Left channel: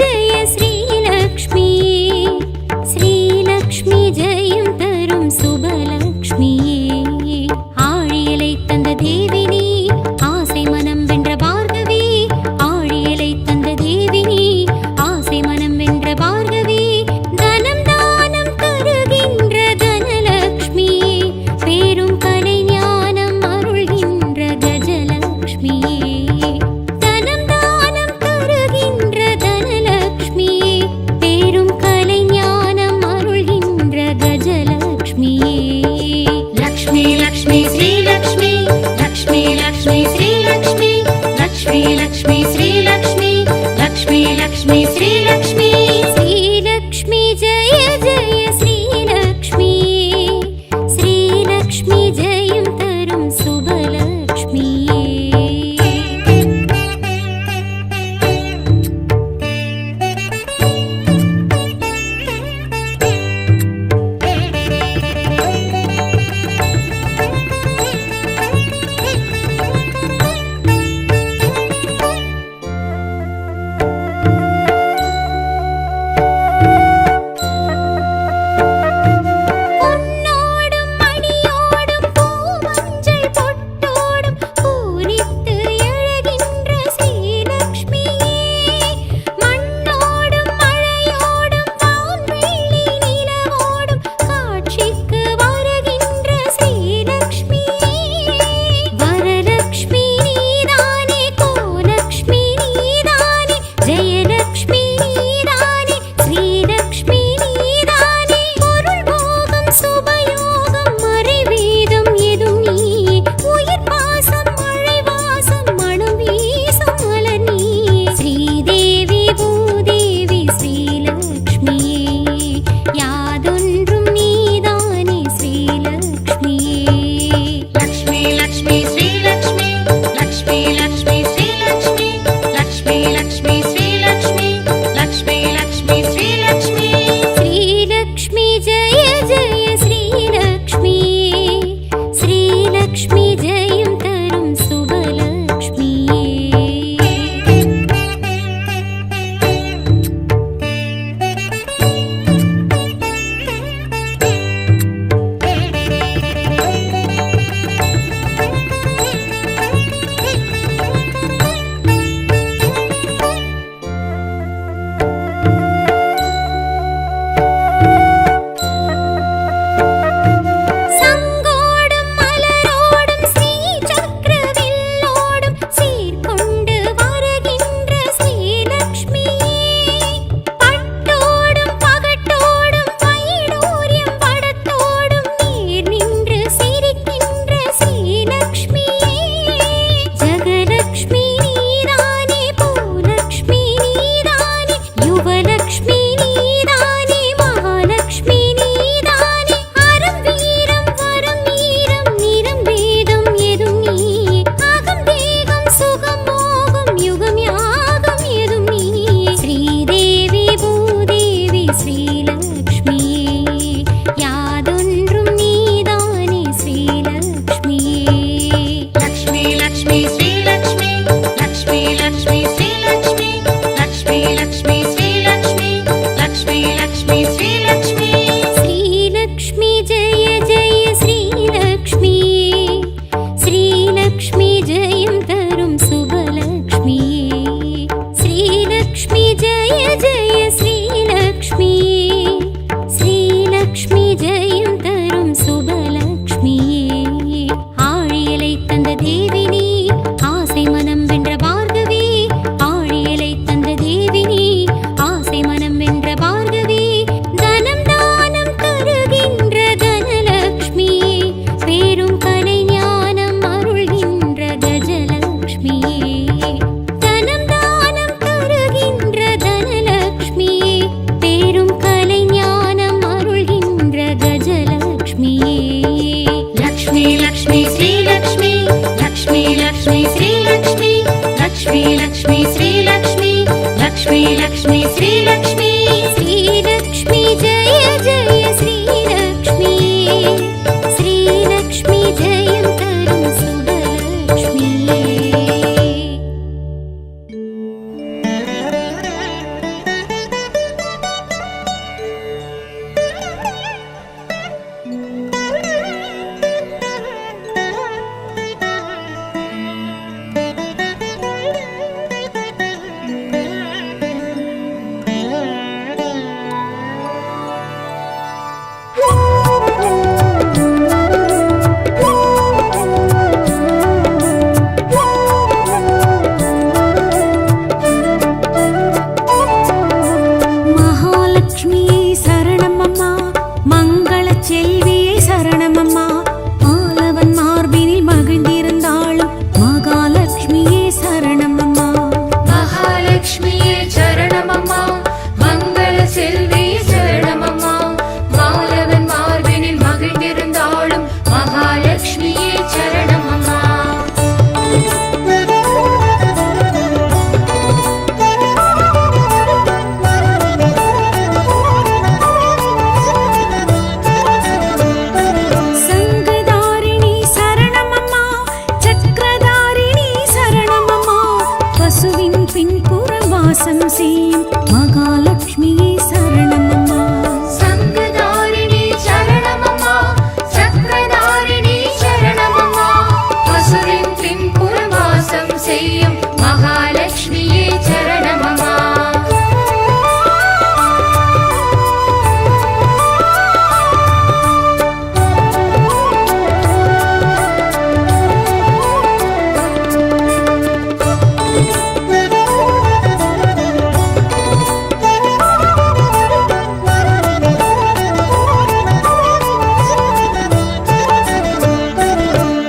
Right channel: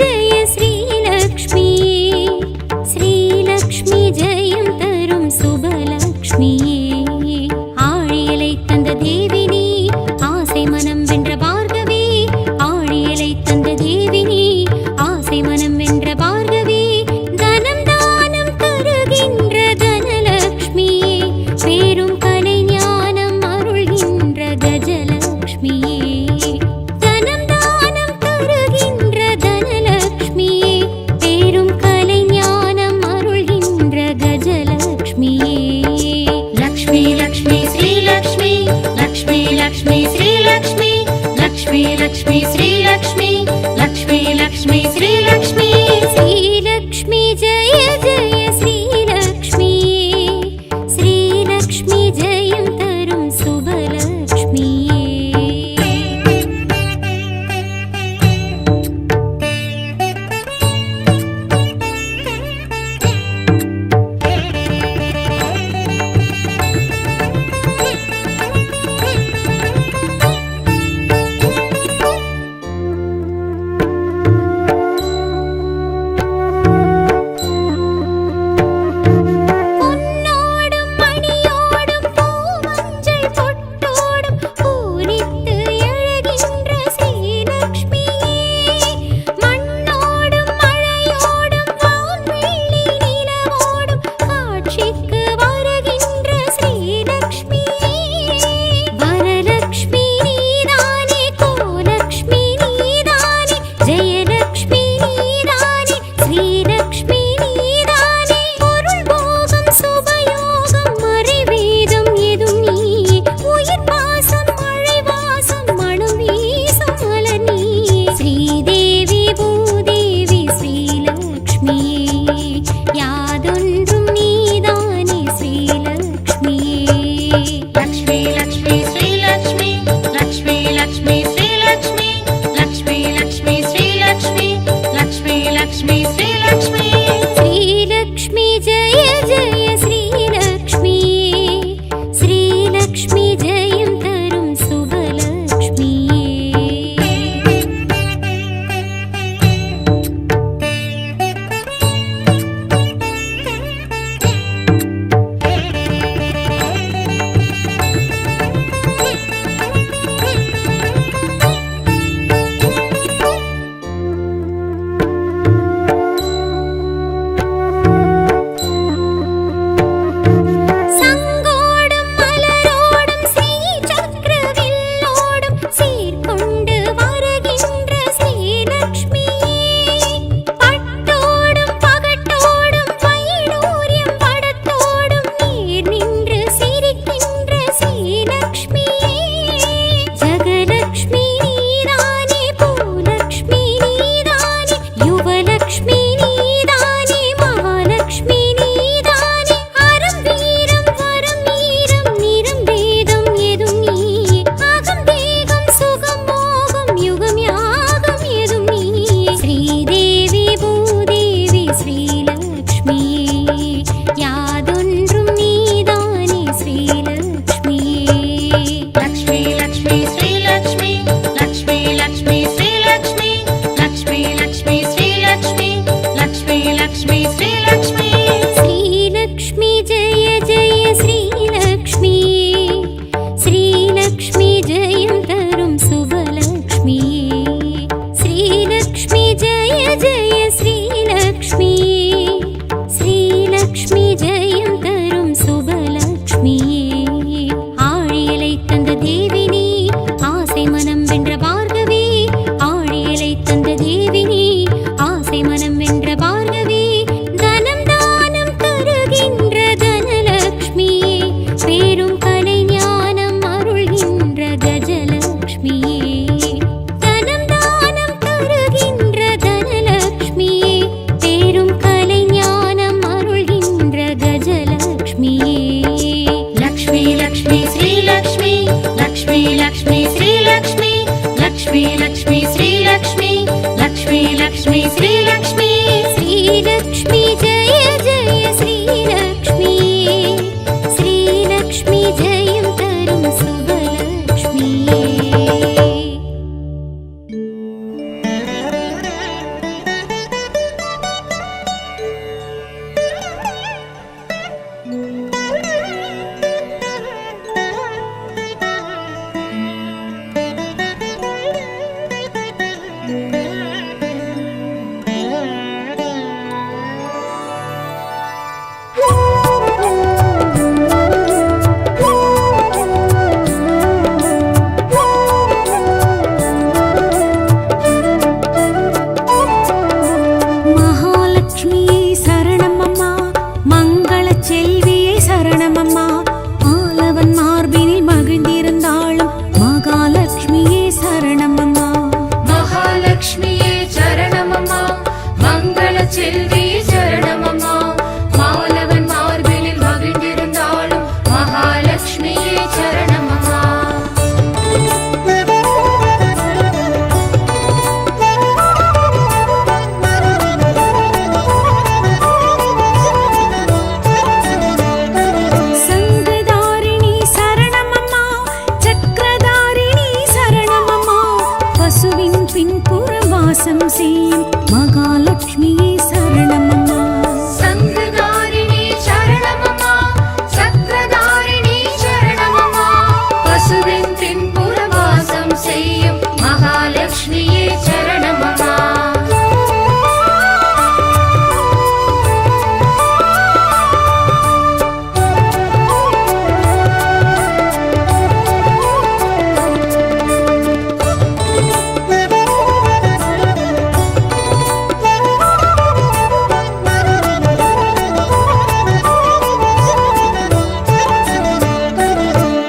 जय श्रीलक्ष्मी श्रीलक्ष्मी जयं तरुं सुबलक्ष्मी ஆழியலை தந்த தேவினி ஆசை மனம் வென்ற பார்கவி ஆழியலை தந்த தேவினி ஆசை மனம் வென்ற பார்கவி தனம் தானம் தருகின்ற தனலக்ஷ்மி பேரும் கலை ஞானம் அருள்கின்ற கஜலக்ஷ்மி தனம் தானம் தருகின்ற தனலக்ஷ்மி பேரும் கலை ஞானம் அருள்கின்ற கஜலக்ஷ்மி लक्ष्मी लक्ष्मी श्री लक्ष्मी लक्ष्मी लक्ष्मी श्री लक्ष्मी लक्ष्मी लक्ष्मी श्री लक्ष्मी लक्ष्मी लक्ष्मी श्री लक्ष्मी श्री लक्ष्मी जय जय श्री लक्ष्मी श्री लक्ष्मी जयं तरुं सुबलक्ष्मी श्रीलक्ष्मी जयं तरुं सुबलक्ष्मी श्रीलक्ष्मी जयं तरुं सुबलक्ष्मी श्रीलक्ष्मी जय जय श्रीलक्ष्मी श्रीलक्ष्मी जयं तरुं सुबलक्ष्मी ஆழியலை தந்த தேவினி ஆசை மனம் வென்ற பார்கவி ஆழியலை தந்த தேவினி ஆசை மனம் வென்ற பார்கவி தனம் தானம் தருகின்ற தனலக்ஷ்மி பேரும் கலை ஞானம் அருள்கின்ற கஜலக்ஷ்மி தனம் தானம் தருகின்ற தனலக்ஷ்மி பேரும் கலை ஞானம் அருள்கின்ற கஜலக்ஷ்மி लक्ष्मी लक्ष्मी श्री लक्ष्मी लक्ष्मी लक्ष्मी श्री लक्ष्मी लक्ष्मी लक्ष्मी श्री लक्ष्मी लक्ष्मी लक्ष्मी श्री लक्ष्मी श्री लक्ष्मी जय जय श्री लक्ष्मी श्री लक्ष्मी जयं तरुं सुबलक्ष्मी சரணமம்மா. ஆலவன் மார்பினில் மகிழ்ந்திருந்தாளும் மகாலட்சுமியே சரணமம்மா. மகாலட்சுமியே சரணமம்மா, மங்கள செல்வியே சரணமம்மா. மாலவன் மார்பினில் மகிழ்ந்திருந்தாளும் மகாலட்சுமியே சரணமம்மா. சங்குதாரிணி சரணமம்மா, சக்கரதாரிணி சரணமம்மா. பசுவின் பின்புறம் வாசம் செய்யும் மகாலட்சுமியே சரணமம்மா. சங்கதாரிணி சரணமம்மா, சக்கரதாரிணி சரணமம்மா. பசுவின் பின்புற வாசம் செய்யும் மகாலட்சுமியே சரணமம்மா.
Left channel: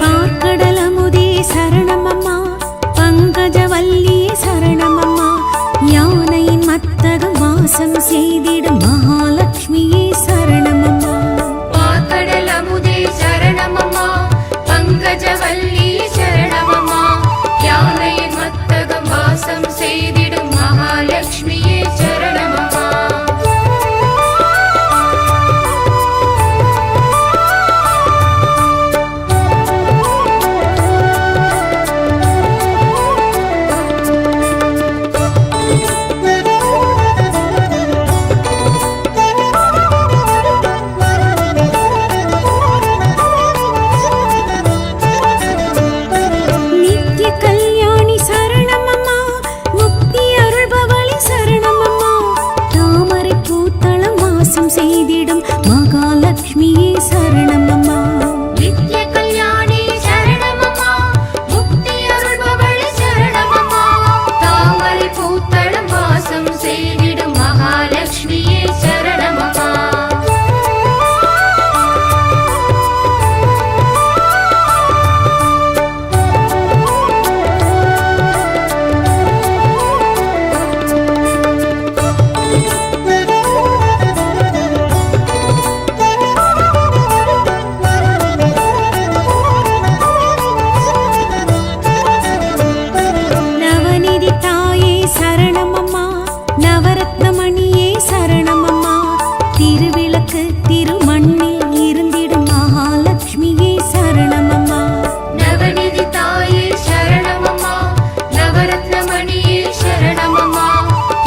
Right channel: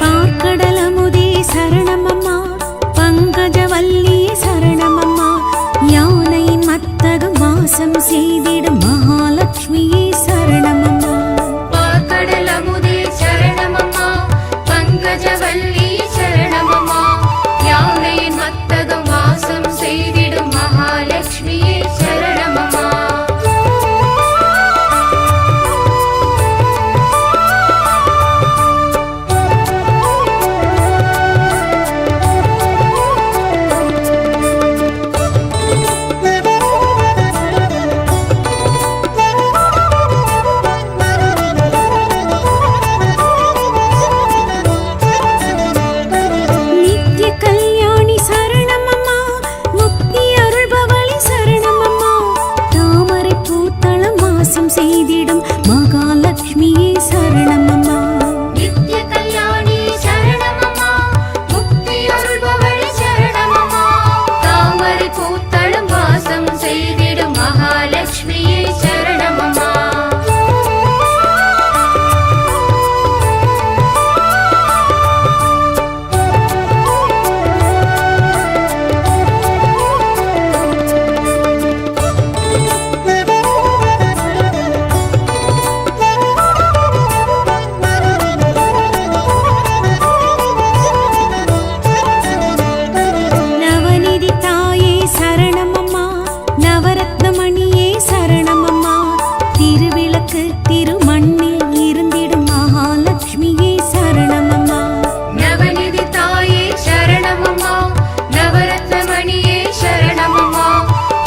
பார்க்கடலமுதே சரணமம்மா, பங்கஜவல்லியே சரணமம்மா. யானையின் மத்தகம் வாசம் செய்திடும் மகாலட்சுமியே சரணமம்மா. பார்க்கடல் அமுதே சரணமம்மா, பங்கஜவல்லி சரணமம்மா. யானையின் மத்தகம் வாசம் செய்திடும் மகாலட்சுமியே சரணமம்மா. நித்ய கல்யாணி சரணமம்மா, முக்தி அருள்பவளி சரணமம்மா. தாமரை பூத்தளம் வாசம் செய்திடும் மகாலட்சுமியே சரணமம்மா. நித்ய கல்யாணி சரணமம்மா, முக்தி அருள்பவளி சரணமம்மா. தாமரை பூத்தளம் வாசம் செய்திடும் மகாலட்சுமியே சரணமம்மா. நவநிதி தாயே சரணமம்மா, நவரத்னமணியே சரணமம்மா. திருவிளக்கு திருமண்ணில் இருந்திடும் மகாலட்சுமியே சரணமம்மா. நவநிதி தாயே சரணமம்மா, நவரத்னமணியே சரணமம்மா.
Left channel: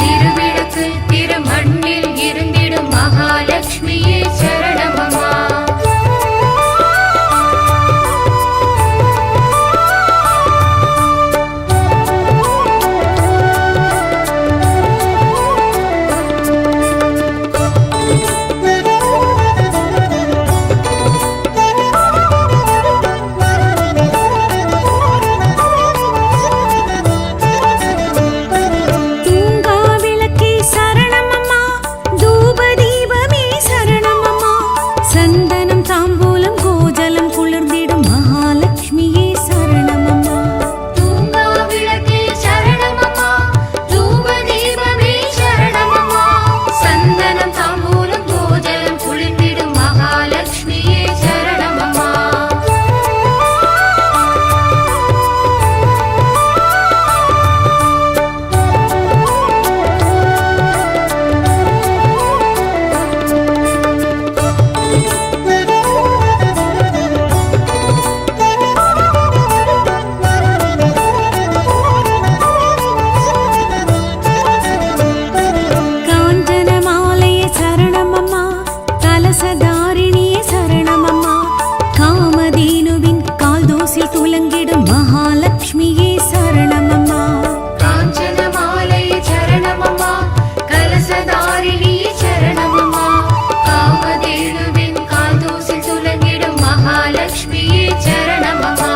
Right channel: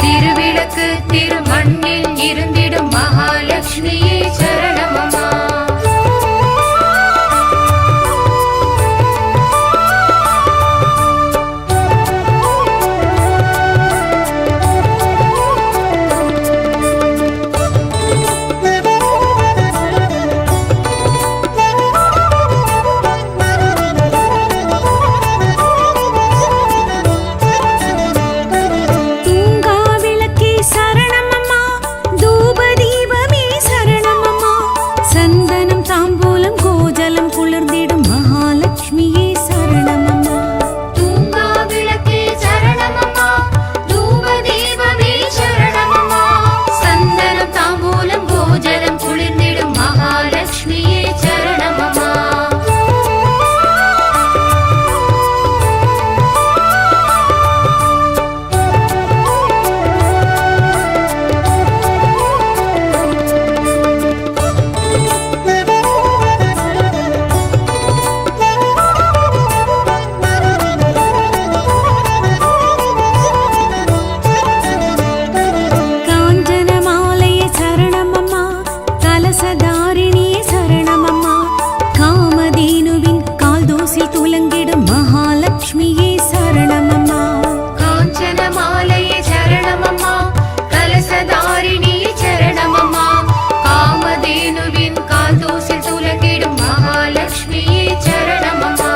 திருவிளக்கு திருமண்ணில் இருந்திடும் மகாலட்சுமியே சரணமம்மா. தூங்கா விளக்கே சரணமம்மா, தூப தீபமே சரணமம்மா. சந்தனம் தாம்பூலம் கோஜலம் குளிர்ந்திடும் மகாலட்சுமியே சரணமம்மா. தூங்கா விளக்கே சரணமம்மா, தூப தீபமே சரணமம்மா. சந்தனம் தாம்பூலம் கோஜலம் குளிர்ந்திடும் மகாலட்சுமியே சரணமம்மா. காஞ்சன மாலையே சரணமம்மா, கலசதாரிணியே சரணமம்மா. காமதேனுவின் கால் தோசில் துலங்கிடும் மகாலட்சுமியே சரணமம்மா. காஞ்சன மாலையே சரணமம்மா, கலசதாரிணியே சரணமம்மா. காமதேனுவின் கால் தோசில் துலங்கிடும் மகாலட்சுமியே சரணமம்மா.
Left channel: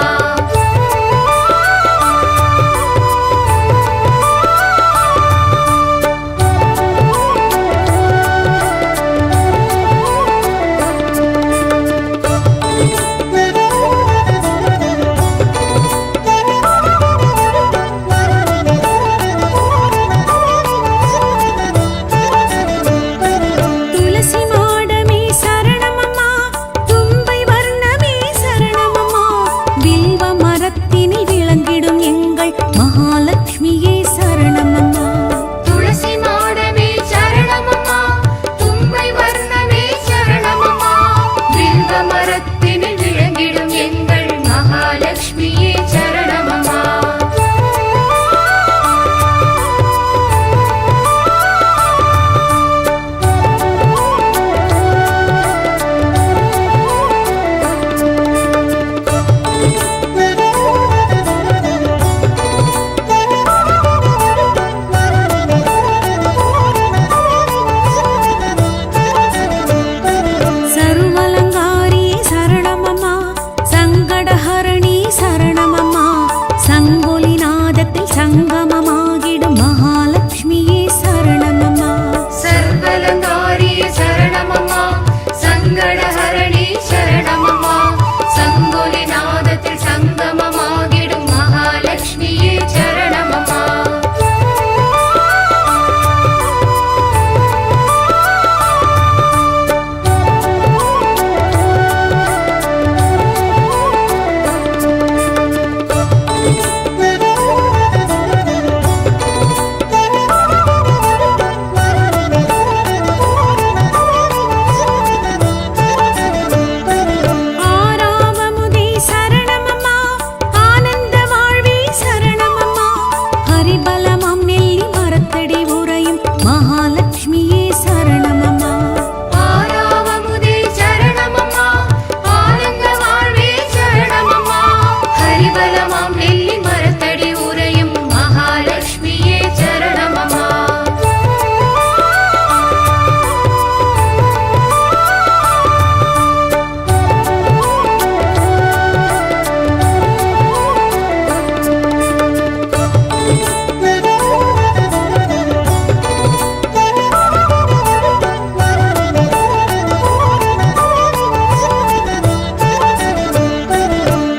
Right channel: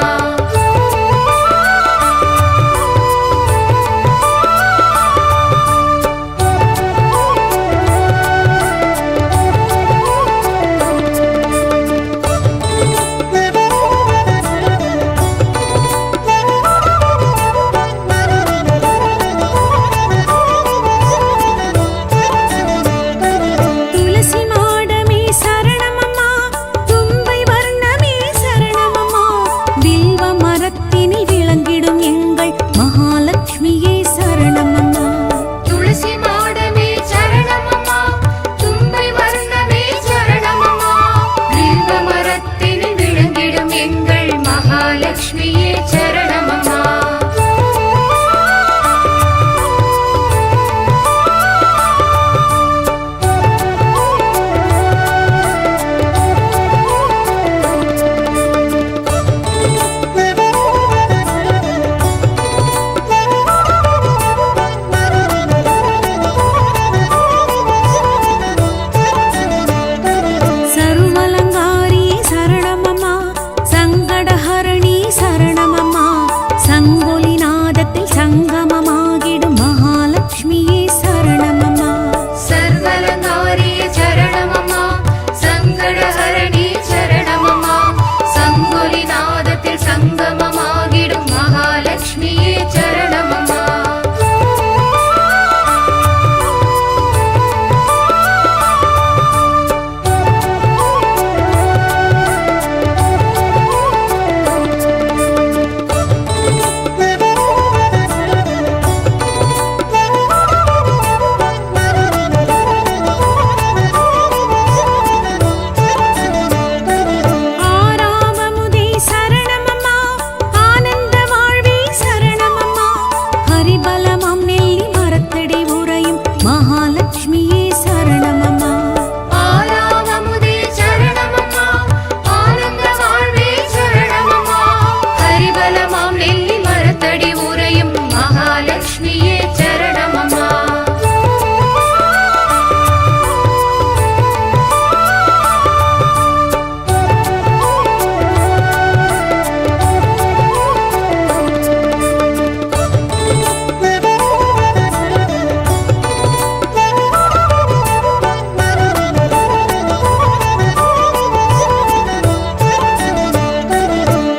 சங்கமமாகிடும் மகாலட்சுமியே சரணமம்மா. சர்வலங்காரியே சரணமம்மா, சங்கடஹரணி சரணமம்மா, சங்கொலி நாதத்தில் சங்கமமாகிடும் மகாலட்சுமியே சரணமம்மா. ஆறாவமுதே சரணமம்மா, ஆனந்த வாழ்வே சரணமம்மா, ஹரிபலமாம் நெல்லி மரத்தடி உறையும் மகாலட்சுமியே சரணமம்மா. ஆறாவமுதே சரணமம்மா, ஆனந்த வாழ்வே சரணமம்மா, ஹரிபலமாம் நெல்லி மரத்தடி உறையும் மகாலட்சுமியே சரணமம்மா.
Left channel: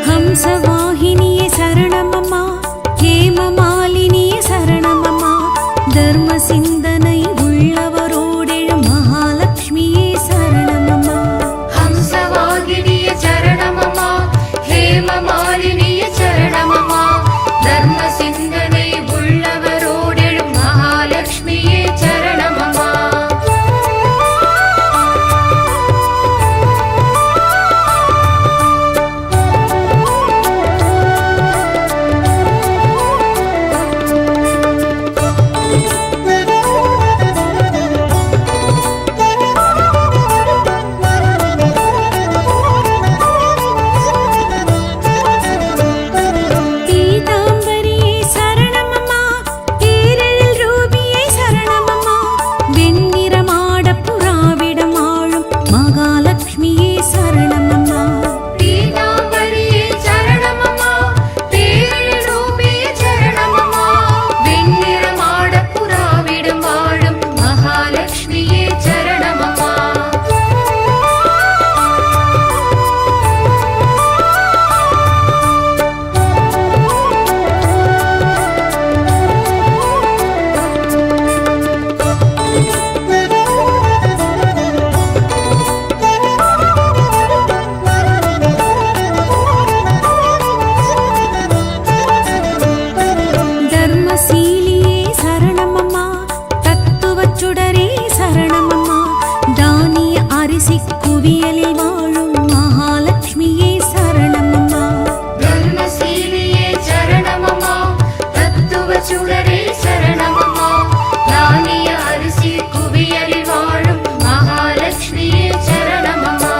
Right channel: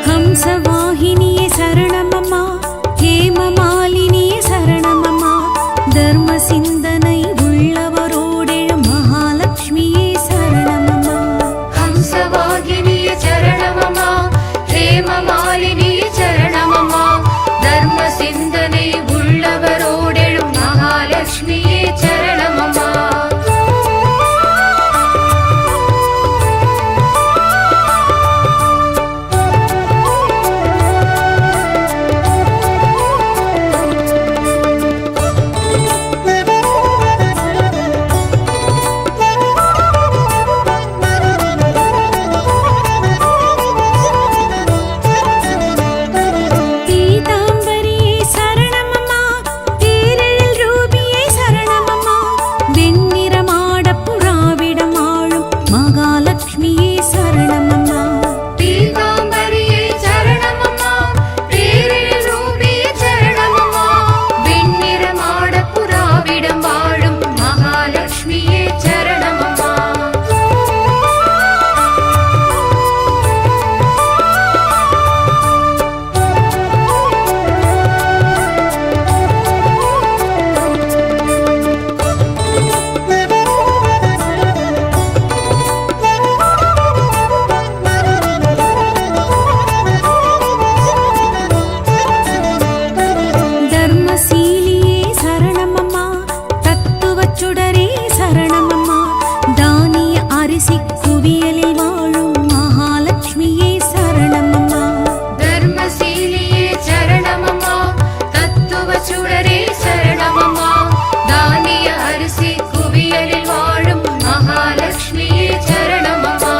ஹம்சவாகினியே சரணமம்மா, ஹேமமாலினியே சரணமம்மா, தர்ம சிந்தனை உள்ளவரோடெழும் மகாலட்சுமியே சரணமம்மா. ஹம்சவாகினியே சரணமம்மா, ஹேமமாலினியே சரணமம்மா, தர்ம சிந்தனை உள்ளவரோடெழும் மகாலட்சுமியே சரணமம்மா. பீதாம்பரியே சரணமம்மா, பேரெழில் ரூபியே சரணமம்மா, வெண்ணிறமாடப் புறாவிடம் ஆளும் மகாலட்சுமியே சரணமம்மா. பீதாம்பரியே சரணமம்மா, பேரெழில் ரூபியே சரணமம்மா, வெண்ணிறமாடப் புறாவிடம் வாழும் மகாலட்சுமியே சரணமம்மா. தர்மசீலியே சரணமம்மா, தத்துவச் சுடரே சரணமம்மா, தானிய அரிசி குவியலில் வாழும் மகாலட்சுமியே சரணமம்மா. தர்மசீலியே சரணமம்மா, தத்துவ சுடரே சரணமம்மா, தானிய அரிசி குவியலில் வாழும் மகாலட்சுமியே சரணமம்மா.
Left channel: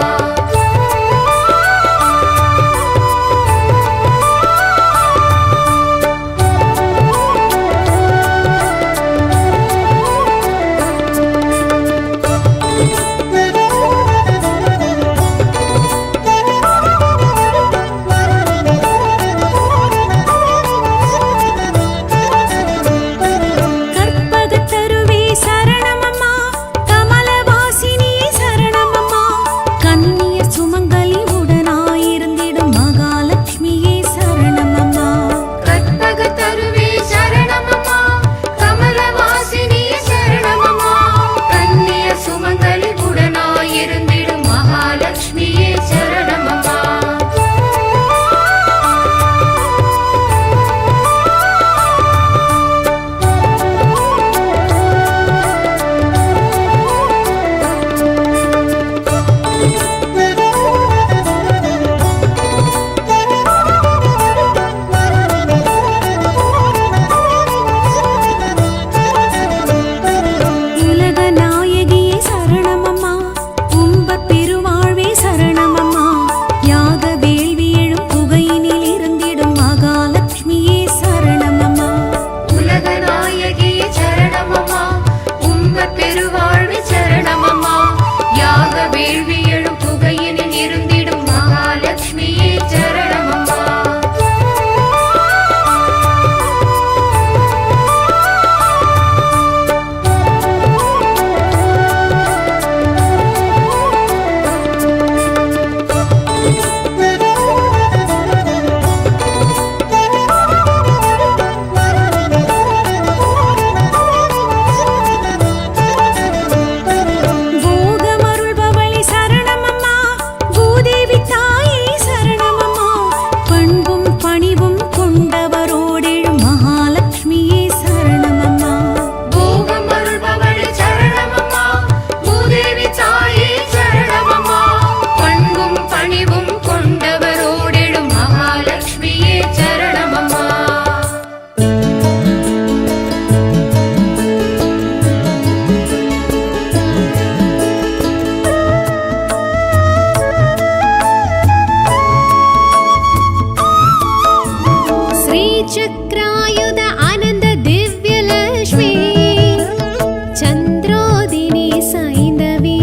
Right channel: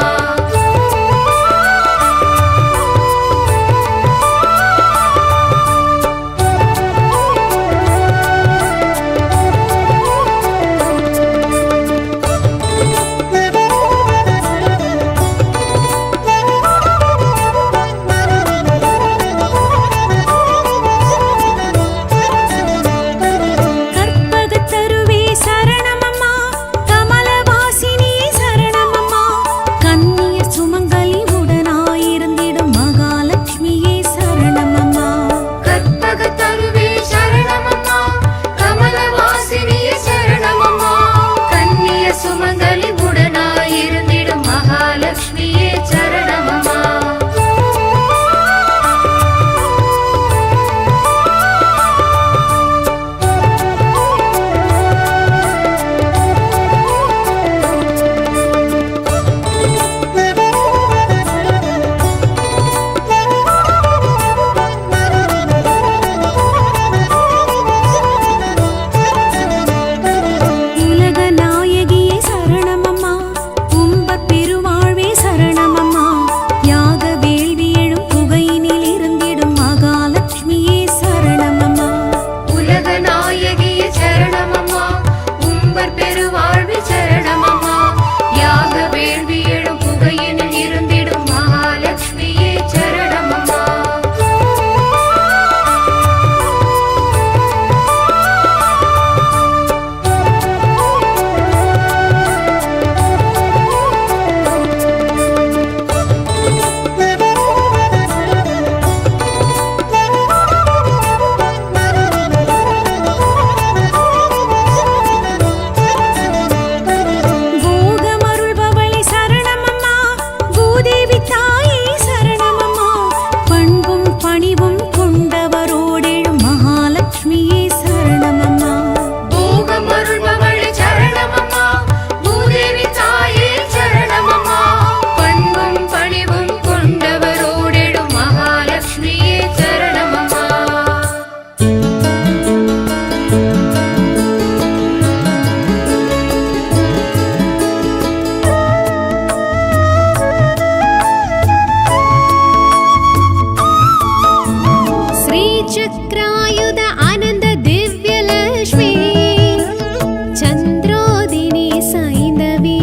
ചന്ദ്രോദിനി സൈന്ധവി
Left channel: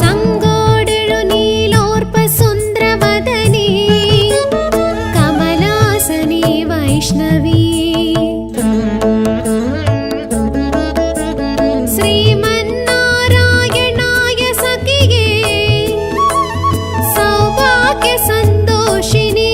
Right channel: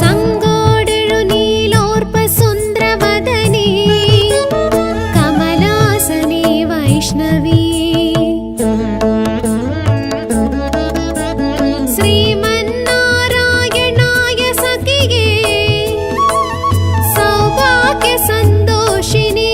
സങ്കോടെഴു നീലോർപ്പ സുന്ദരവദനി കമലാസനി വൈഷ്ണവി ശ്രീമന്നാരായണായ സഖിയേ സൗഭാഗ്യ സന്തോഷിനി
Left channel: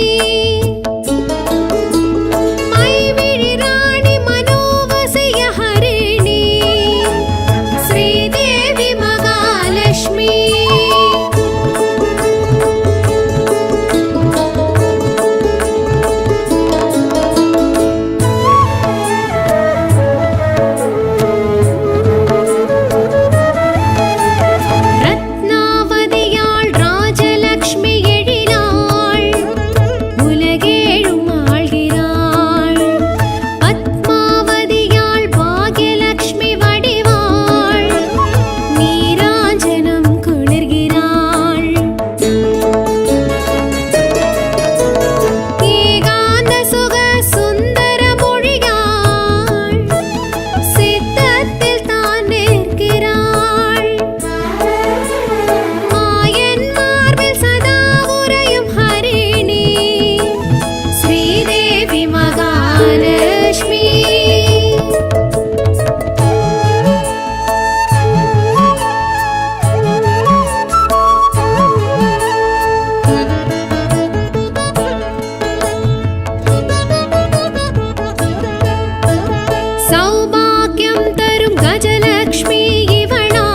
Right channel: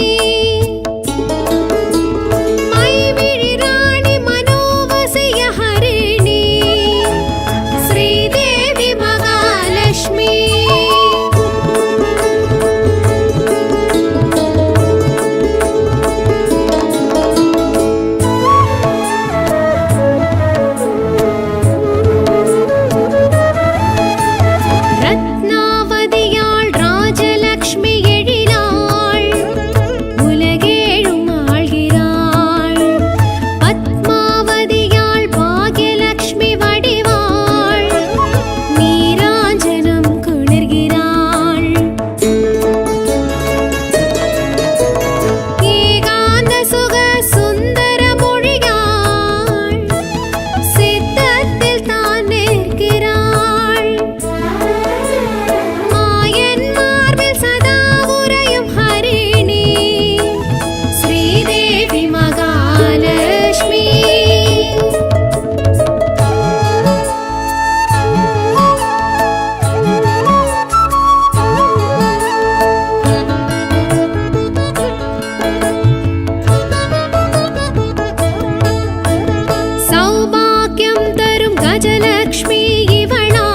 സൗഭാഗ്യം തരും ഗജലക്ഷ്മി ഇവളാ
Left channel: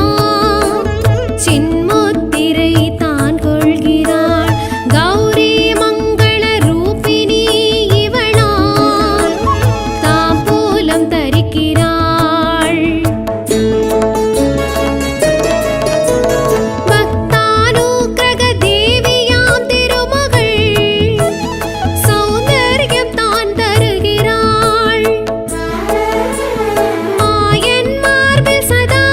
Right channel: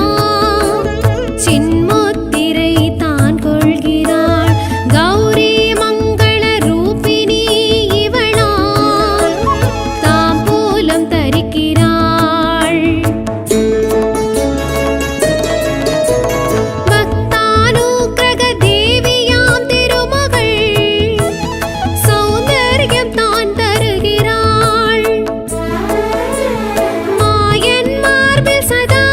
ചിന്മുത്തിரை தான் கொள்கிறாள் கௌரி மங்கள ரூபிணி இவளா தாம்பூலம் தரிக்கிறாள் பக்தானுக்கிரக தேவியாம் திருமகள் சௌந்தர்யம் தான் தருகிறாள் மாயன் மார்பில் சதா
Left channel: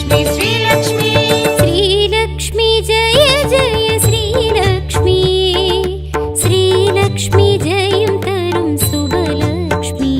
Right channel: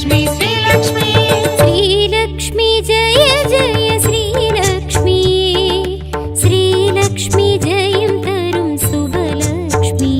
लक्ष्मी श्रीलक्ष्मी श्रीलक्ष्मी जय जय श्रीलक्ष्मी श्रीलक्ष्मी जयं तरुं शुभलक्ष्मी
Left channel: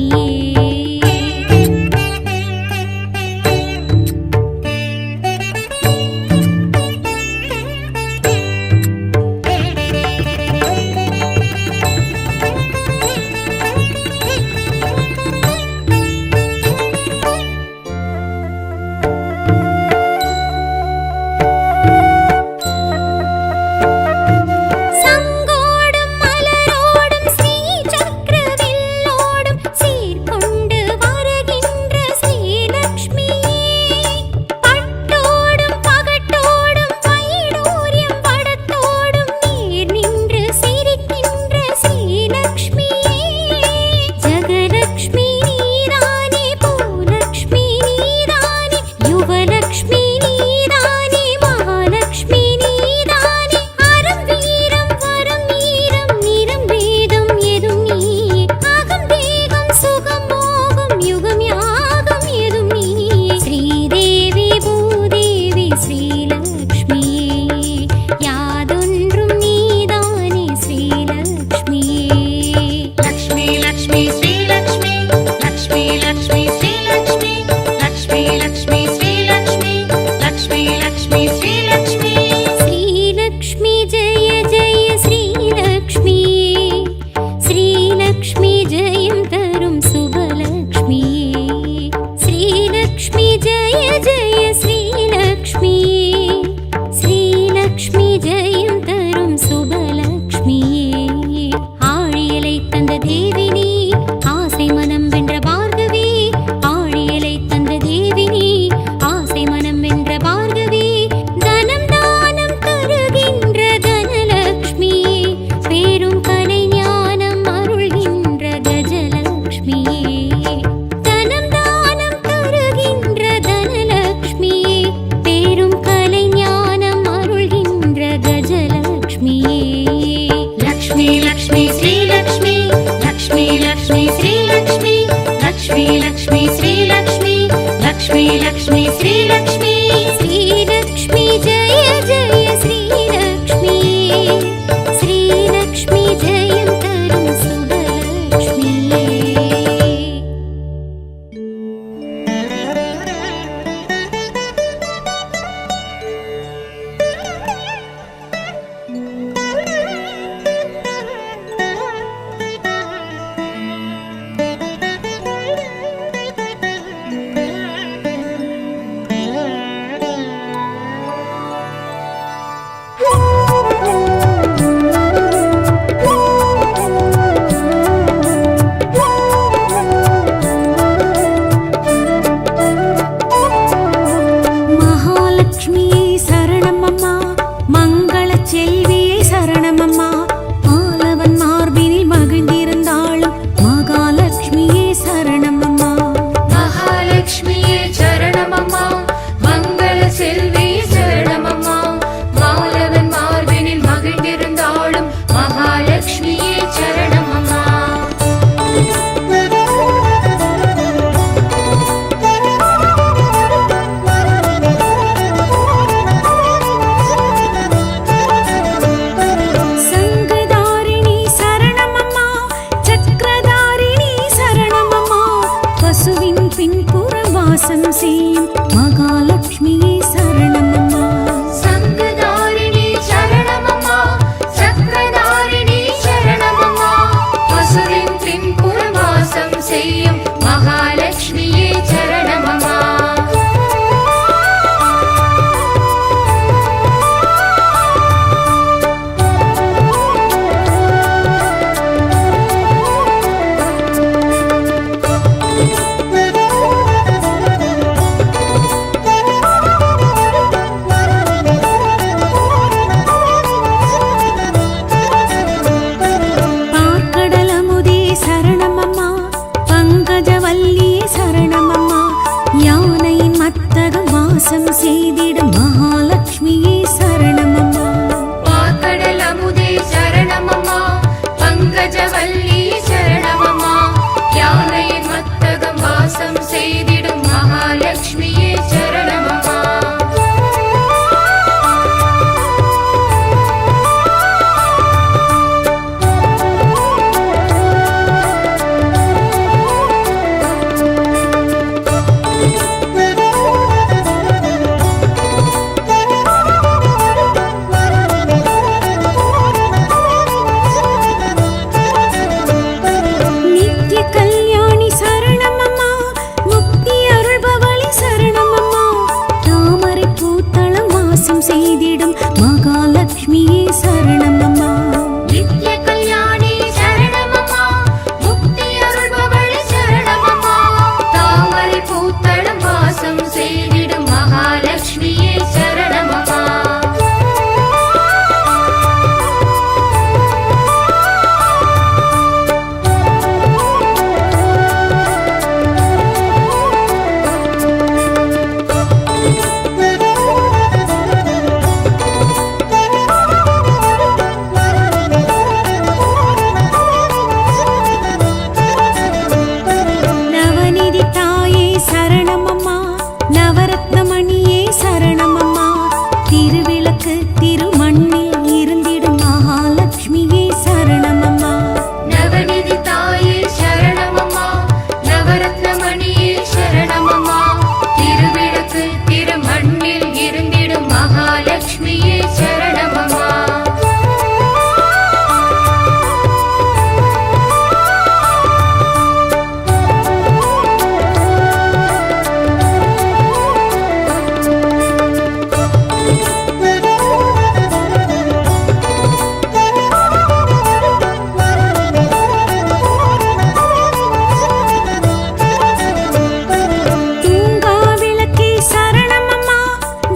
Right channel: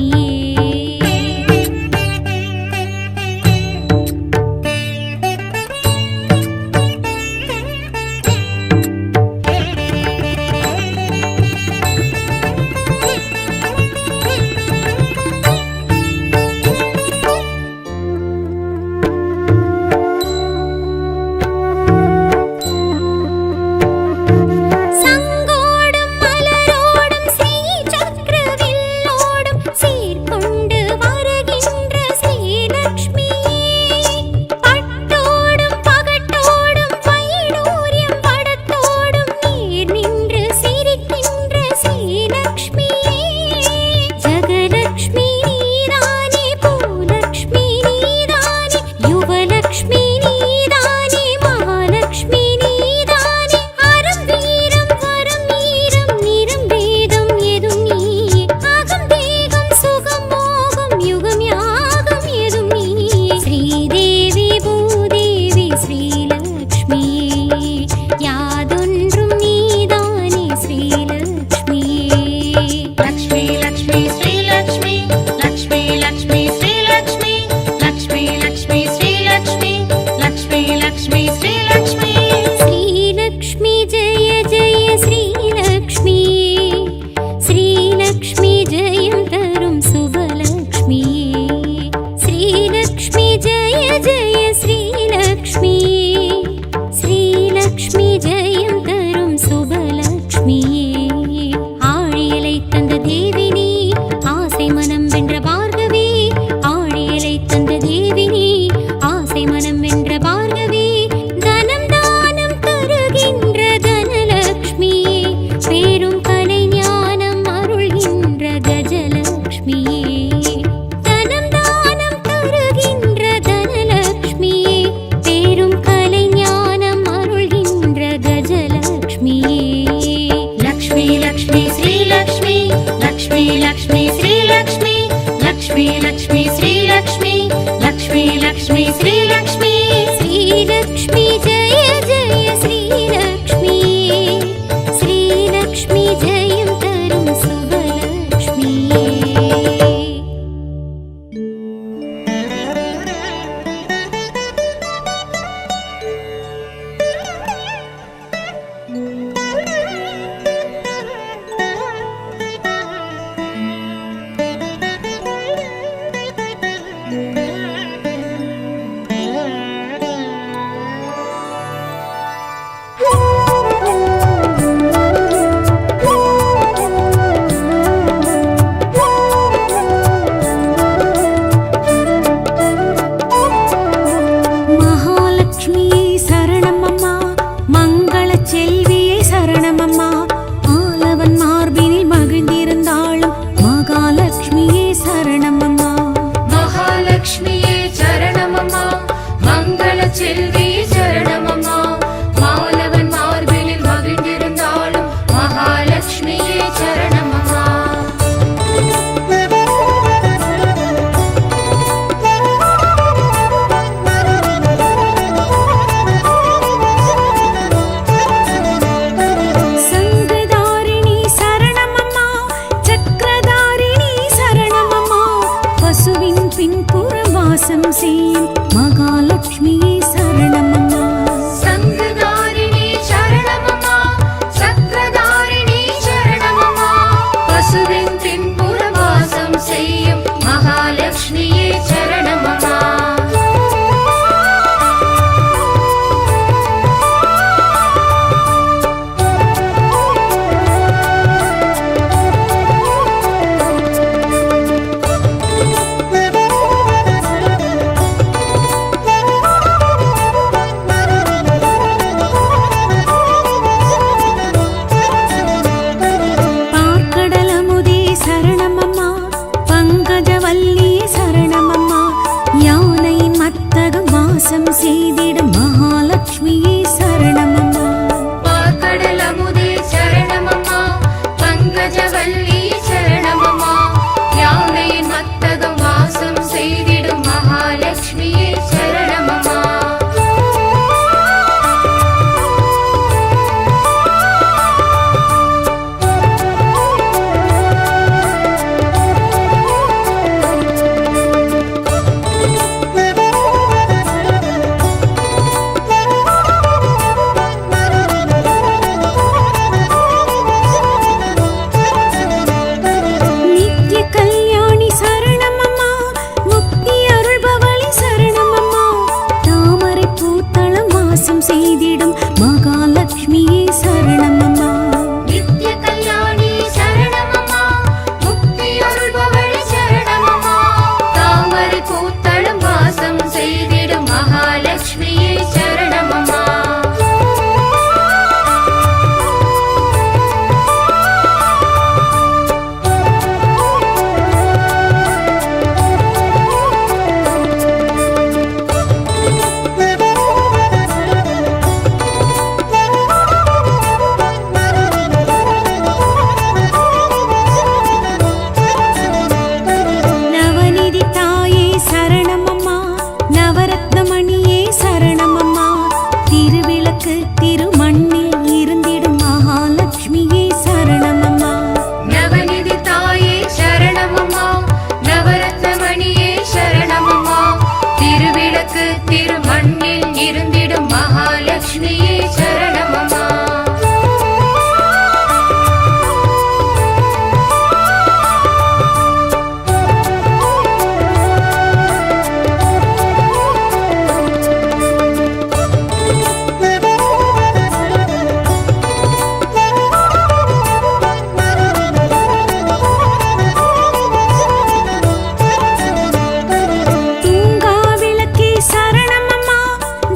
சங்கோடும் மலரோடும் ஸ்ரீ சக்கரவில்லோடும் சீர்கொண்டு வருகின்ற ஸ்ரீலக்ஷ்மி பட்டோடும் பகட்டோடும் வைடூரியம் படத்தோடும் நீர் நின்று சிரிக்கின்ற ஸ்ரீலக்ஷ்மி ஜெகலக்ஷ்மி நீதானே பூலக்ஷ்மி நீதானே யுவலக்ஷ்மி நீதானே மகாலக்ஷ்மி நீதானே அறம் வீரம் வரம் வீரம் நிறம் வேதம் எதும் நீ அகம் தேகம் சுகம் மோகம் யுகம் யாகம் எதும் நீ ஸ்ரீதேவி பூதேவி ஸ்ரீலக்ஷ்மி யாதொன்றும் நீதானே ஸ்ரீலக்ஷ்மி लक्ष्मी लक्ष्मी श्रीलक्ष्मी लक्ष्मी लक्ष्मी श्रीलक्ष्मी लक्ष्मी लक्ष्मी श्रीलक्ष्मी लक्ष्मी लक्ष्मी श्रीलक्ष्मी श्रीलक्ष्मी जय जय श्रीलक्ष्मी श्रीलक्ष्मी जयं तरुं शुभलक्ष्मी श्रीलक्ष्मी जय जय श्रीलक्ष्मी श्रीलक्ष्मी जयं तरुं शुभलक्ष्मी ஆழியலை தந்த தேவினி ஆசை மனம் வென்ற பார்கவி ஆழியலை தந்த தேவினி ஆசை மனம் வென்ற பார்கவி தனம் தானம் தருகின்ற தனலக்ஷ்மி பேரும் கலை ஞானம் அருள்கின்ற கஜலக்ஷ்மி தனம் தானம் தருகின்ற தனலக்ஷ்மி பேரும் கலை ஞானம் அருள்கின்ற கஜலக்ஷ்மி लक्ष्मी लक्ष्मी श्रीलक्ष्मी लक्ष्मी लक्ष्मी श्रीलक्ष्मी लक्ष्मी लक्ष्मी श्रीलक्ष्मी लक्ष्मी लक्ष्मी श्रीलक्ष्मी श्रीलक्ष्मी जय जय श्रीलक्ष्मी श्रीलक्ष्मी जयं तरुं शुभलक्ष्मी மகாலட்சுமியே சரணமம்மா மங்கள செல்வியே சரணமம்மா ஆலவன் மார்பினில் மகிழ்ந்திருந்தாளும் மகாலட்சுமியே சரணமம்மா महालक्ष्मीये चरणमम्मा मंगल செல்வியே சரணமம்மா மாலவன் மார்பினில் மகிழ்ந்திருந்தாளும் மகாலட்சுமியே சரணமம்மா சங்கதாரிணி சரணமம்மா சக்கரதாரிணி சரணமம்மா பசுவின் பின்புறம் வாசம் செய்யும் மகாலட்சுமியே சரணமம்மா சங்கதாரிணி சரணமம்மா சக்கரதாரிணி சரணமம்மா பசுவின் பின்புறம் வாசம் செய்யும் மகாலட்சுமியே சரணமம்மா பார்க்கடலமுதே சரணமம்மா பங்கஜவல்லியே சரணமம்மா யானையின் மத்தகம் வாசம் செய்திடும் மகாலட்சுமியே சரணமம்மா பார்க்கடல் அமுதே சரணமம்மா பங்கஜவல்லி சரணமம்மா யானையின் மத்தகம் வாசம் செய்திடும் மகாலட்சுமியே சரணமம்மா வாசம் செய்திடும் மகாலட்சுமியே சரணமம்மா. நித்ய கல்யாணி சரணமம்மா, முக்தியருள்பவளே சரணமம்மா, தாமரை பூத்தடும் வாசம் செய்திடும் மகாலட்சுமியே சரணமம்மா. நவநிதி தாயே சரணமம்மா, நவரத்னமணியே சரணமம்மா, திருவிளக்கு திருமண்ணில் இருந்திடும் மகாலட்சுமியே சரணமம்மா. நவநிதி தாயே சரணமம்மா, நவரத்னமணியே சரணமம்மா, திருவிளக்கு திருமண்ணில் இருந்திடும் மகாலட்சுமியே சரணமம்மா. தூங்கா விளக்கே சரணமம்மா,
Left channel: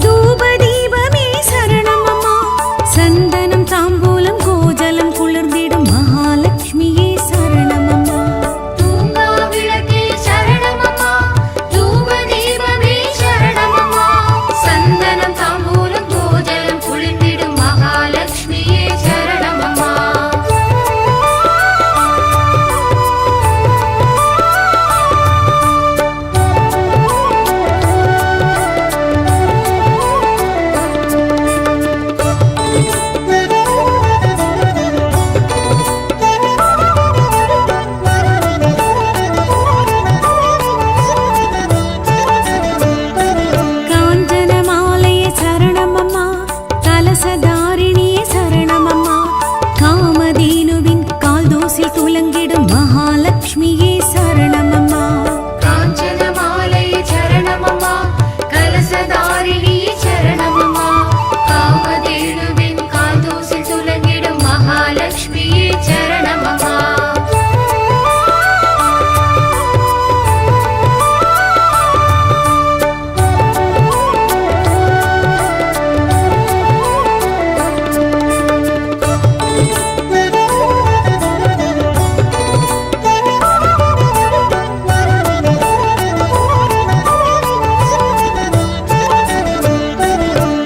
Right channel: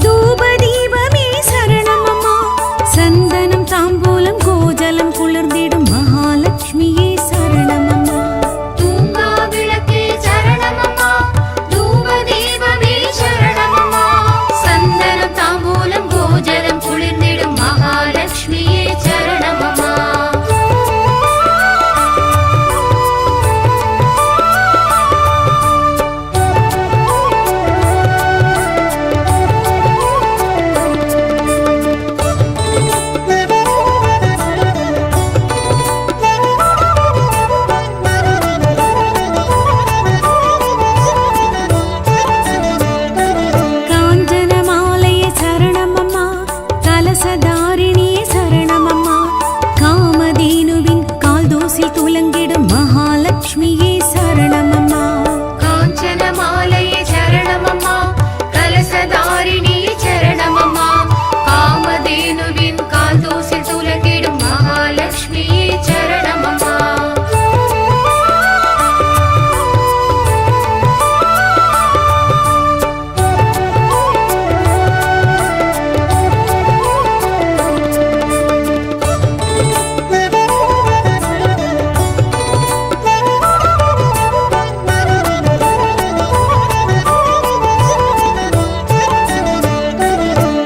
தூபதீபமே சரணமம்மா, சந்தனம் தாம்பூலம் கோஜலம் குளிர்ந்திடும் மகாலட்சுமியே சரணமம்மா. தூங்கா விளக்கே சரணமம்மா, தூபதீபமே சரணமம்மா, சந்தனம் தாம்பூலம் கோஜலம் குளிர்ந்திடும் மகாலட்சுமியே சரணமம்மா. காஞ்சன மாலையே சரணமம்மா, கலசதாரிணியே சரணமம்மா, காமதேனுவின் கால்தோசில் துலங்கிடும் மகாலட்சுமியே சரணமம்மா. காஞ்சன மாலையே சரணமம்மா, கலசதாரிணியே சரணமம்மா, காமதேனுவின் கால்தோசில் துலங்கிடும் மகாலட்சுமியே சரணமம்மா.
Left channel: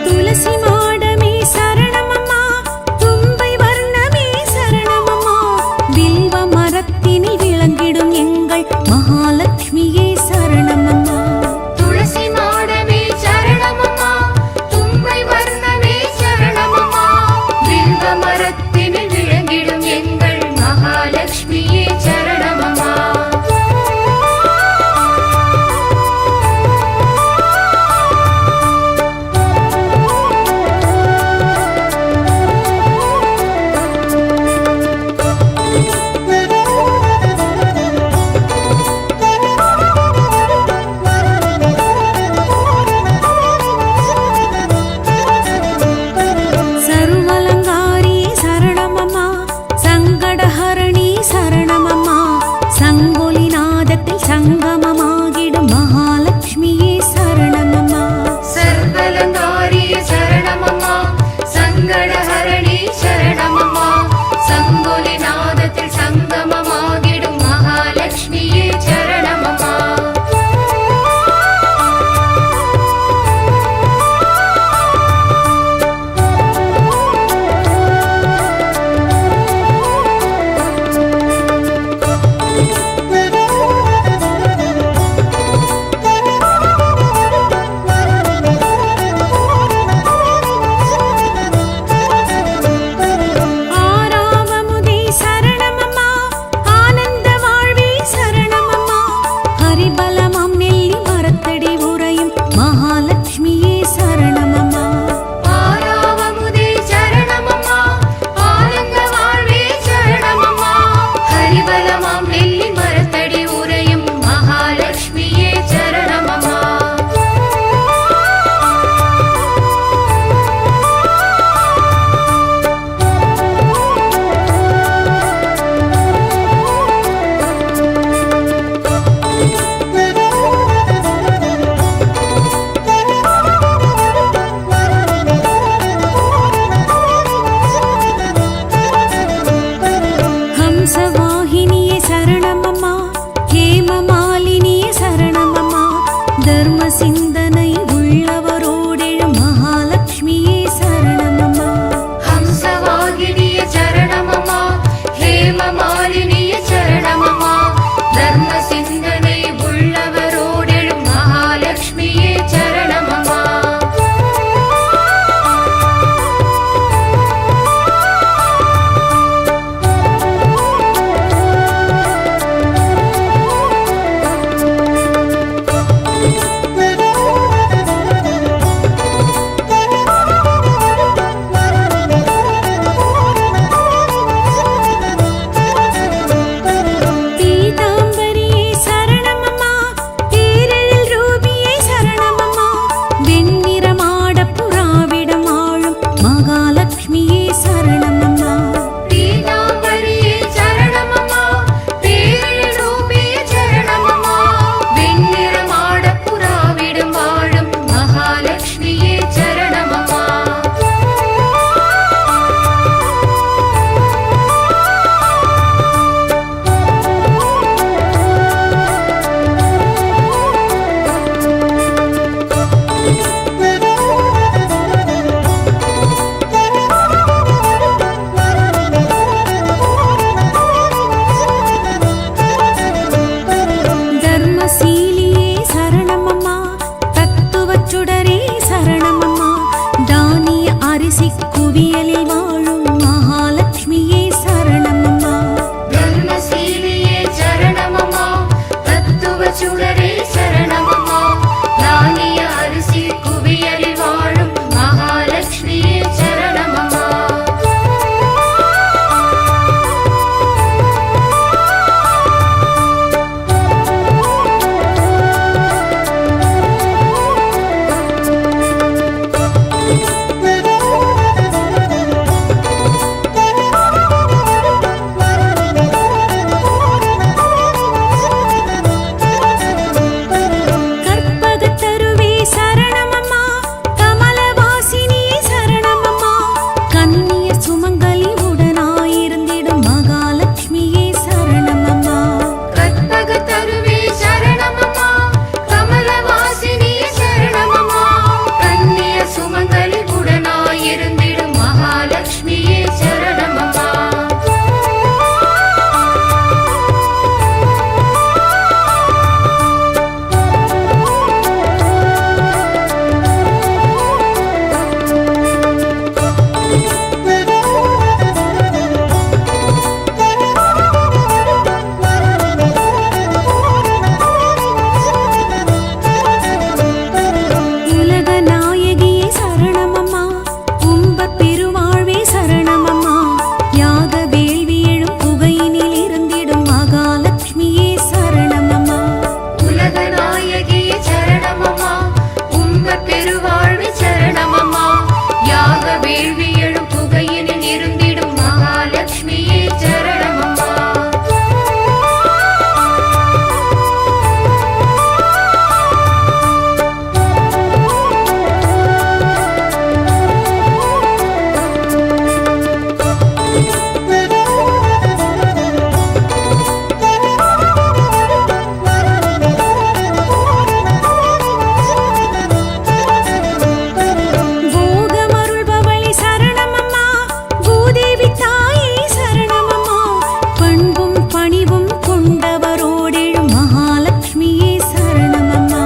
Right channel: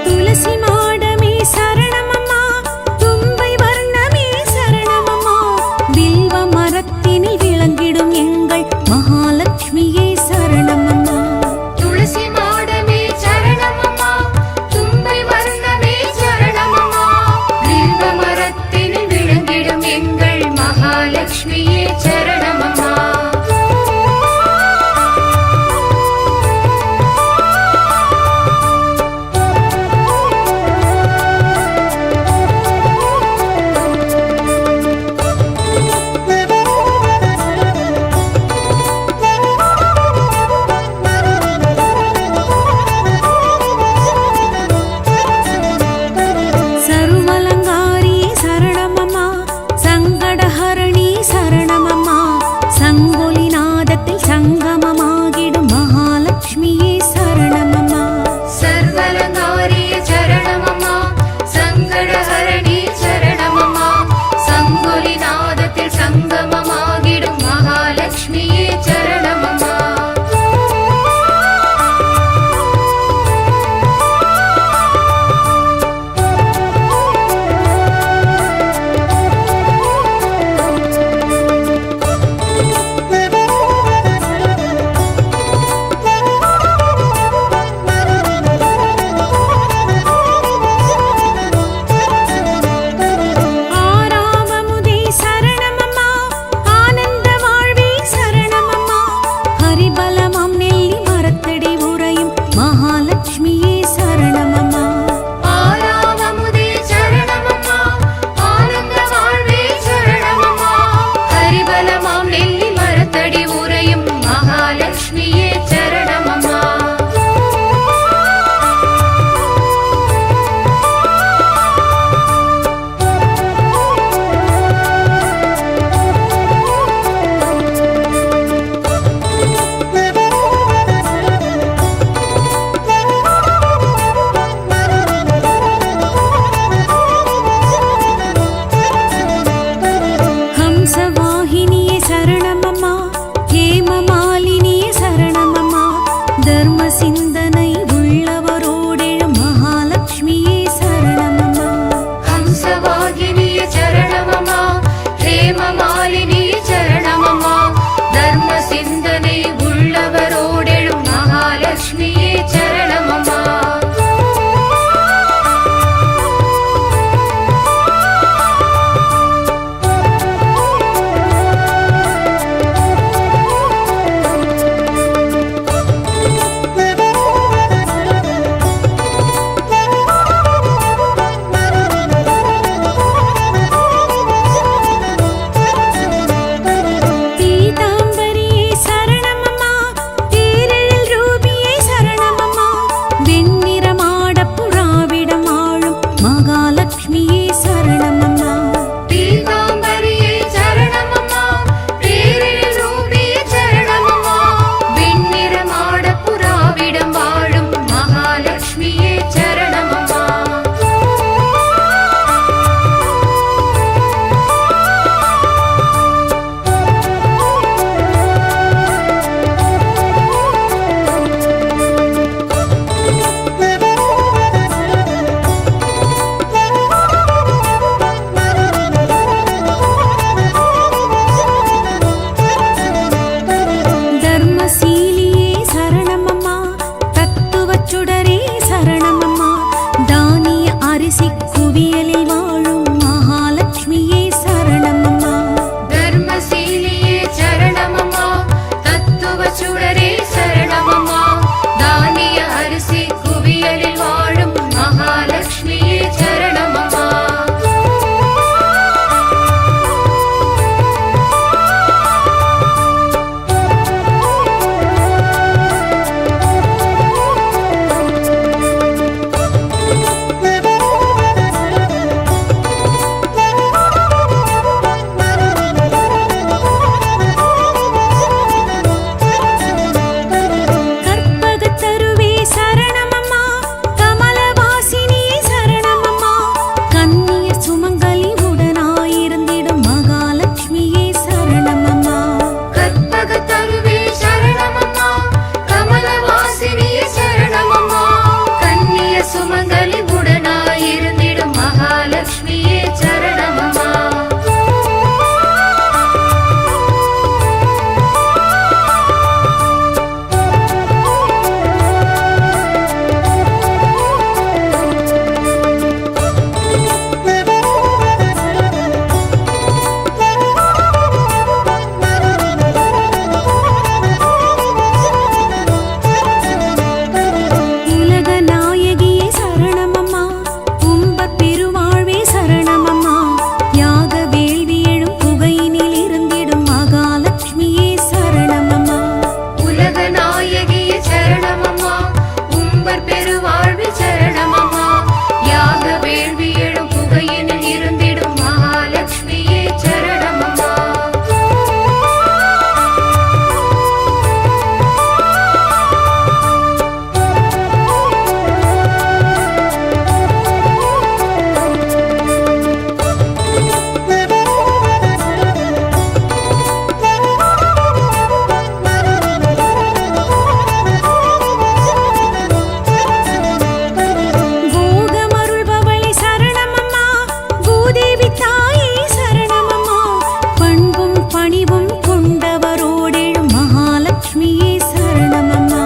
துளசி மாடமே சரணமம்மா, தும்பை வர்ணமே சரணமம்மா, வில்வ மரத்தினில் விளங்கிடும் எங்கள் மகாலட்சுமியே சரணமம்மா. துளசி மாடமே சரணமம்மா, தும்பை வர்ணமே சரணமம்மா, வில்வ மரத்தினில் விளங்கிடும் எங்கள் மகாலட்சுமியே சரணமம்மா. சர்வலங்காரியே சரணமம்மா, சங்கடஹரணி சரணமம்மா, சங்கொலி நாதத்தில் சங்கமமாகிடும் மகாலட்சுமியே சரணமம்மா. சர்வலங்காரியே சரணமம்மா, சங்கடஹரணி சரணமம்மா, சங்கொலி நாதத்தில் சங்கமமாகிடும் மகாலட்சுமியே சரணமம்மா. ஹம்சவாகினியே சரணமம்மா, ஹேமமாலினியே சரணமம்மா, தர்ம சிந்தனை உள்ளவரோடெழும் மகாலட்சுமியே சரணமம்மா. ஹம்சவாகினிய சரணமம்மா, ஹேமமாலினிய சரணமம்மா, தர்ம சிந்தனை உள்ளவரோடெழும் மகாலட்சுமியே சரணமம்மா. பீதாம்பரியே சரணமம்மா, பேரெழில் ரூபியே சரணமம்மா, வெண்ணிறமாடப் புறாவிடம் ஆளும் மகாலட்சுமியே சரணமம்மா. பீதாம்பரியே சரணமம்மா, பேரெழில் ரூபியே சரணமம்மா, வெண்ணிறமாடப் புறாவிடம் வாழும் மகாலட்சுமியே சரணமம்மா. தர்மசீலியே சரணமம்மா, தத்துவச் சுடரே சரணமம்மா, தானிய அரிசி குவியலில் வாழும் மகாலட்சுமியே சரணமம்மா. தர்மசீலியே சரணமம்மா, தத்துவ சுடரே சரணமம்மா, தானிய அரிசி குவியலில் வாழும் மகாலட்சுமியே சரணமம்மா. கற்பகத் தருவே சரணமம்மா, கமலவாசினியே சரணமம்மா, கன்னியர் சுமங்கலி உடனாயிருந்திடும் மகாலட்சுமியே சரணமம்மா. கற்பகத் தருவே சரணமம்மா, கமலவாசினியே சரணமம்மா, கன்னிய சுமங்கலி உடனாயிருந்திடும் மகாலட்சுமியே சரணமம்மா. உலக நாயகியே சரணமம்மா, உம்பர் பெருவாழ்வே சரணமம்மா, யாக வேள்வி எழும் புகையினில் இருந்திடும் மகாலட்சுமியே சரணமம்மா. உலக நாயகியே சரணமம்மா, உம்பர் பெருவாழ்வு சரணமம்மா, யாக வேள்வி எழும் புகையினில் இருந்திடும் மகாலட்சுமியே சரணமம்மா. போகமருள்பவளே சரணமம்மா, பூதேவி தாயே சரணமம்மா, பண்பும் பணிவும் கொண்டவரோடெழும் மகாலட்சுமியே சரணமம்மா.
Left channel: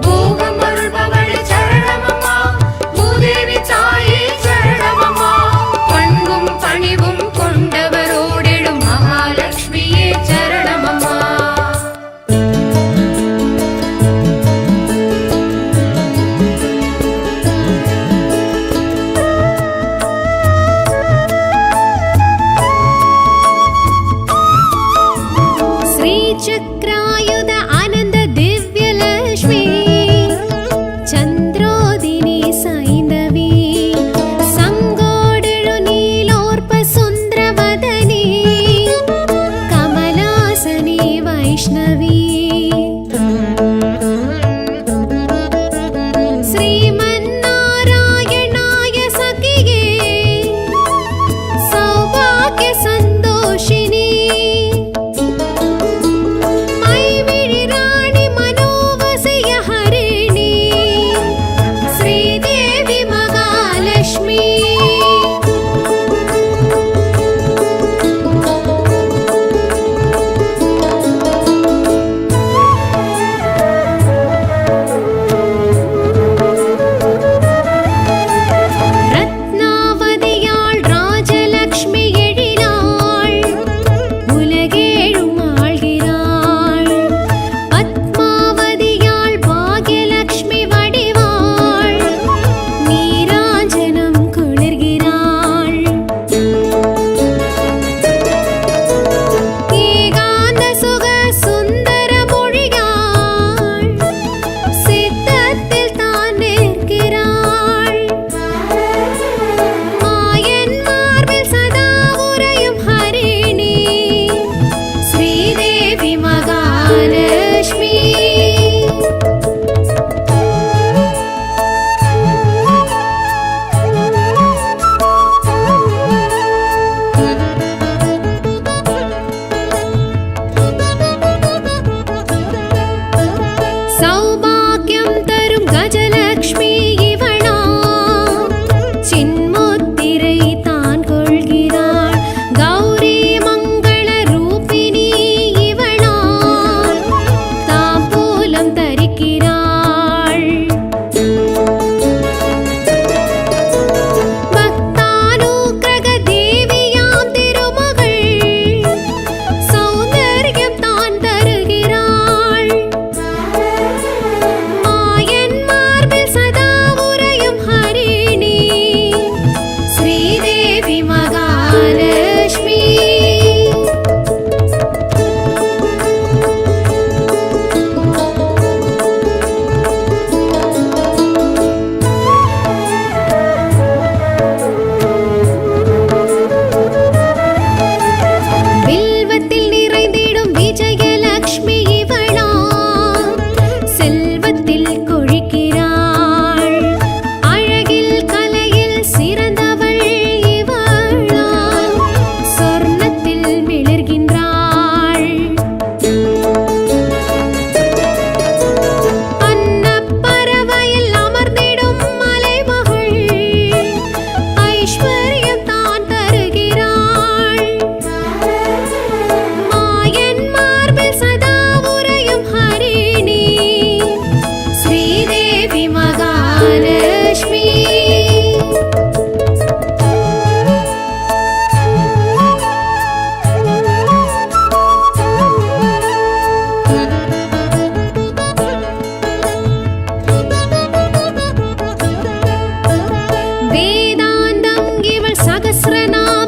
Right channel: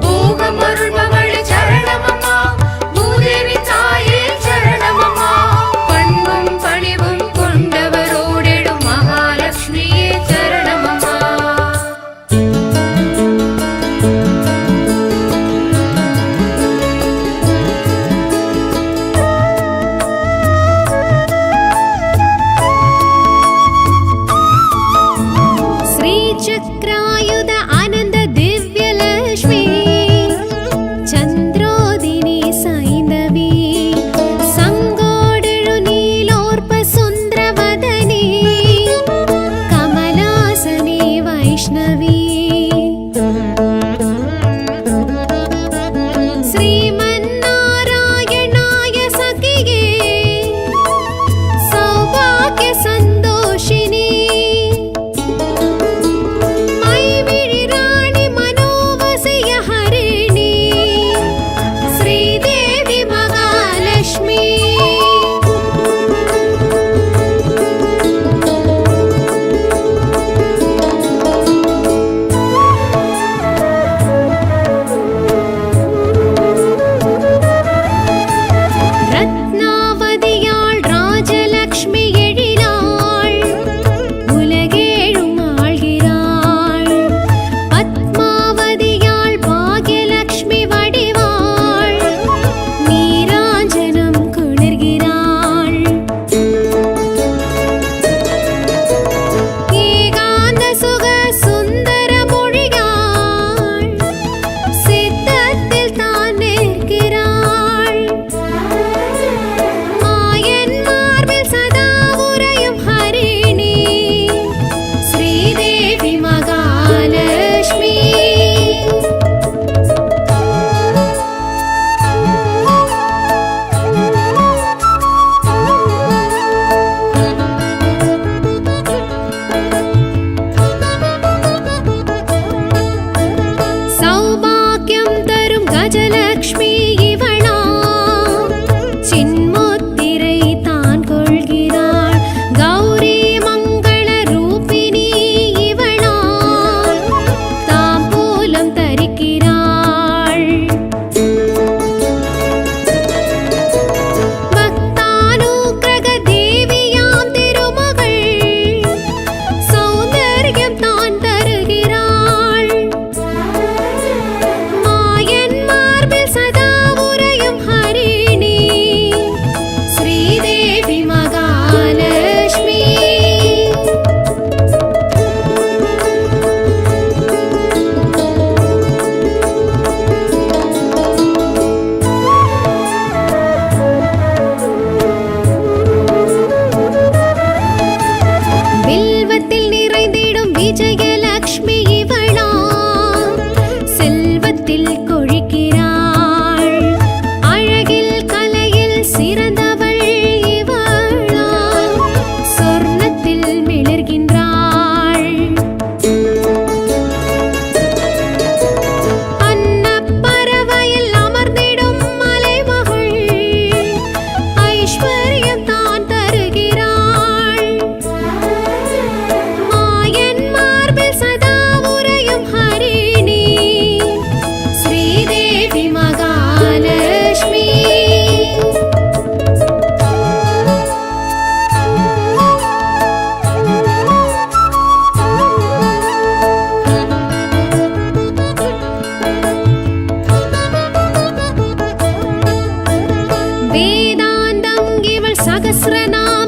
போகமருள்பவளே சரணமம்மா, பூதேவி தாயே சரணமம்மா, பண்பும் பணிவும் கொண்டவரோடெழும் மகாலட்சுமியே சரணமம்மா. श्रीचक्रायुध आनन्द दिव्यलक्ष्मी, चन्द्रोदिनी सैन्दवी, सङ्गोडेळु नीलोर्प सुन्दरवदनी, कमलासनी वैष्णवी, श्रीमन्नारायणाय सखिये, सौभाग्य सन्दोषिनी, ஸ்ரீதேவி மகாலட்சுமி. ரத்னாவதியாள் ராஜலக்ஷ்மி எழிலாள், உலகேழும் ஆள்கிறாள். பத்மாவதியாள் பாக்யலக்ஷ்மி வடிவாள், நீராஞ்சனம் குளிர்கிறாள். ஏகாந்த சுக சுந்தர மொழியாள், சித்தத்தில் தான் நிற்கிறாள். மாயன் மார்பில் சதா உறையும் ஹரிணி, ஸ்ரீதேவி மகாலட்சுமி. சௌபாக்கியம் தரும் கஜலக்ஷ்மி இவளா, சின்முத்திரை தான் கொள்கிறாள். கௌரி மங்கள ரூபிணி இவளா, தாம்பூலம் தரிக்கிறாள். பக்தானுக்கிரக தேவியாம் திருமகள், சௌந்தர்யம் தான் தருகிறாள். மாயன் மார்பில் சதா உறையும் ஹரிணி, ஸ்ரீதேவி மகாலட்சுமி. வில்வத்தில் நிறைந்திடும் விஜயலக்ஷ்மி இவளா, செல்வத்தில் கொழிக்கிறாள். அழகில் கலையில் சிறந்தவள் இவளா, சொர்ணத்தில் மிளர்கின்றாள். அன்னப்பறவையில் அமர்ந்திடும் மலைமகள், ஐஸ்வர்யம் தான் தருகிறாள். மாயன் மார்பில் சதா உறையும் ஹரிணி, ஸ்ரீதேவி மகாலட்சுமி. வேதாந்தம் இவள் சகஸ்ரநாம